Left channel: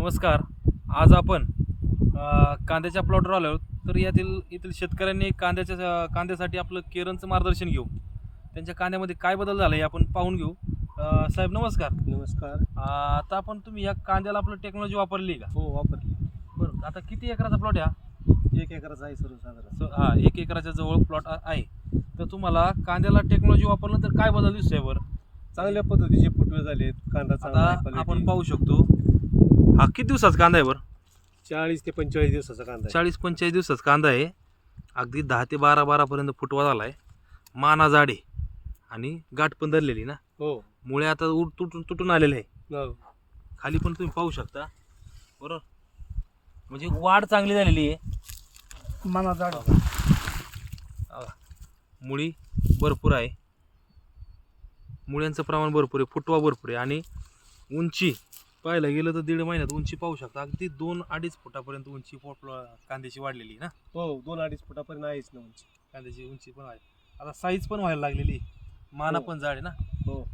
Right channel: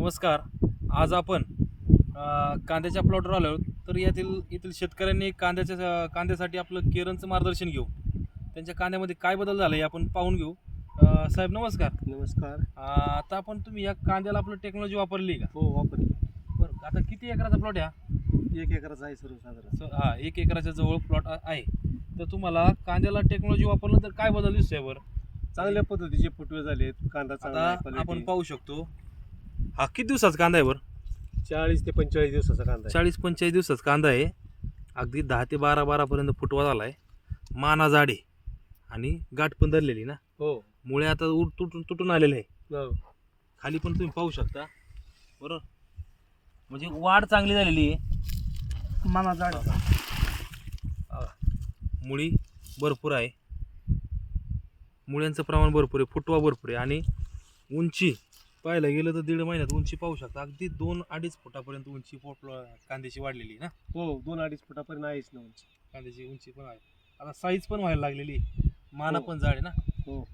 नमस्कार. आज आपण कांद्याच्या प्लॉटवर आलो तर यातील येथील शेतकऱ्यांनी कांद्याच्या कांद्यासाठी आपलं केरनचं मार्गदर्शन घेऊ. त्यांच्या कांद्यामध्ये काय बदल झाला हे आपण पाहून घेऊ. साहेब नमस्कार. नमस्कार. आता आपण तुम्ही या कांद्याला आपलं टेक्नॉलॉजी वापरली का? हो वापरली. बरं आता किती एकराचा प्लॉट आहे एक एकराचा आहे सर्वसाधारण. हा एक एकराच्या जवळ प्लॉट आहे. तर तुम्हाला कांद्याला टेक्नॉलॉजी वापरलं तर काय बदल दिसतोय बरं? चांगल्या पद्धतीचे फुटवे झालेत कांदा. आपण पाहू शकतो हा किती दिवसाचा कांदा आहे बरं? चाळीस ते पंचेचाळीस दिवसाचा कांदा आहे. चाळीस पंचेचाळीस दिवसाचा कांदा आहे. अगदी दहा ते बारा बारापर्यंत फुटवा झाला आहे. माना जाडे आणि गाठ पण धरलेली ना? हो. मुळे आता उड तुटून तुटून आलेले आहे. हो. खाली पण तुम्ही पाहू शकता. बरोबर म्हणजे वाढ चांगली झालेली आहे. माना जाड. मुळी भरपूर आहे. मुळ्यांचं प्रमाण भरपूर आहे. फुटवा भरपूर आहे. आणि उंची पाहायला गेलं तर दीड महिन्यात उंची पाहू शकता. अगदी दोन अडीच फुटापर्यंत उंची कांद्याची वाढलेली ना? हो दोन अडीच फुटापर्यंत आहेच ना उंची. कांद्याची उंची पण आहे. आता साईज पण व्हायला लागलेली. माना हो. पण जाड आहे ना? हो.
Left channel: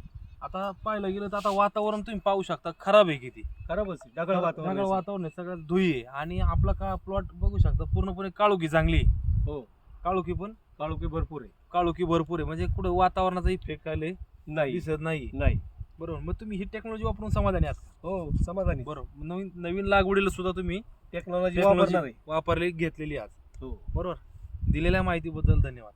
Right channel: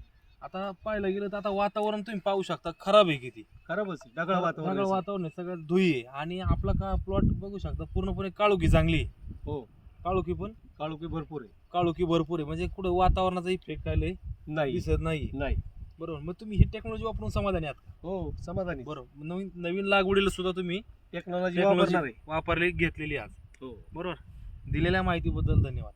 आता पाहायला गेलं तर आता वातावरण तुम्ही पाहू शकता. खराब आहे किती? खराबच आहे. ढगाळ वातावरण ढगाळ आहे. वातावरण आहे. सगळं धुई आहे. आणि आपला का प्लॉट बघू शकता. पूर्णपणे काळोखी चांगली आहे. हो. काळोखी पण? काळोखी भरपूर आहे. काळोखी भरपूर आहे. म्हणजे कुठं वातावरणाचा इफेक्ट आले नाही. दिसत नाही नाही. बरोबर. मग तुम्ही ही टेक्नॉलॉजी वापरून समाधानी आहात? हो समाधानी. बरोबर. नवीन नवीन लागवडीला सुद्धा तुम्ही टेक्नॉलॉजी टेक्नॉलॉजी वापरणार आहे. वापरली घेतलेली आज. हो. बरोबर. दिलेल्या माहितीबद्दल धन्यवाद.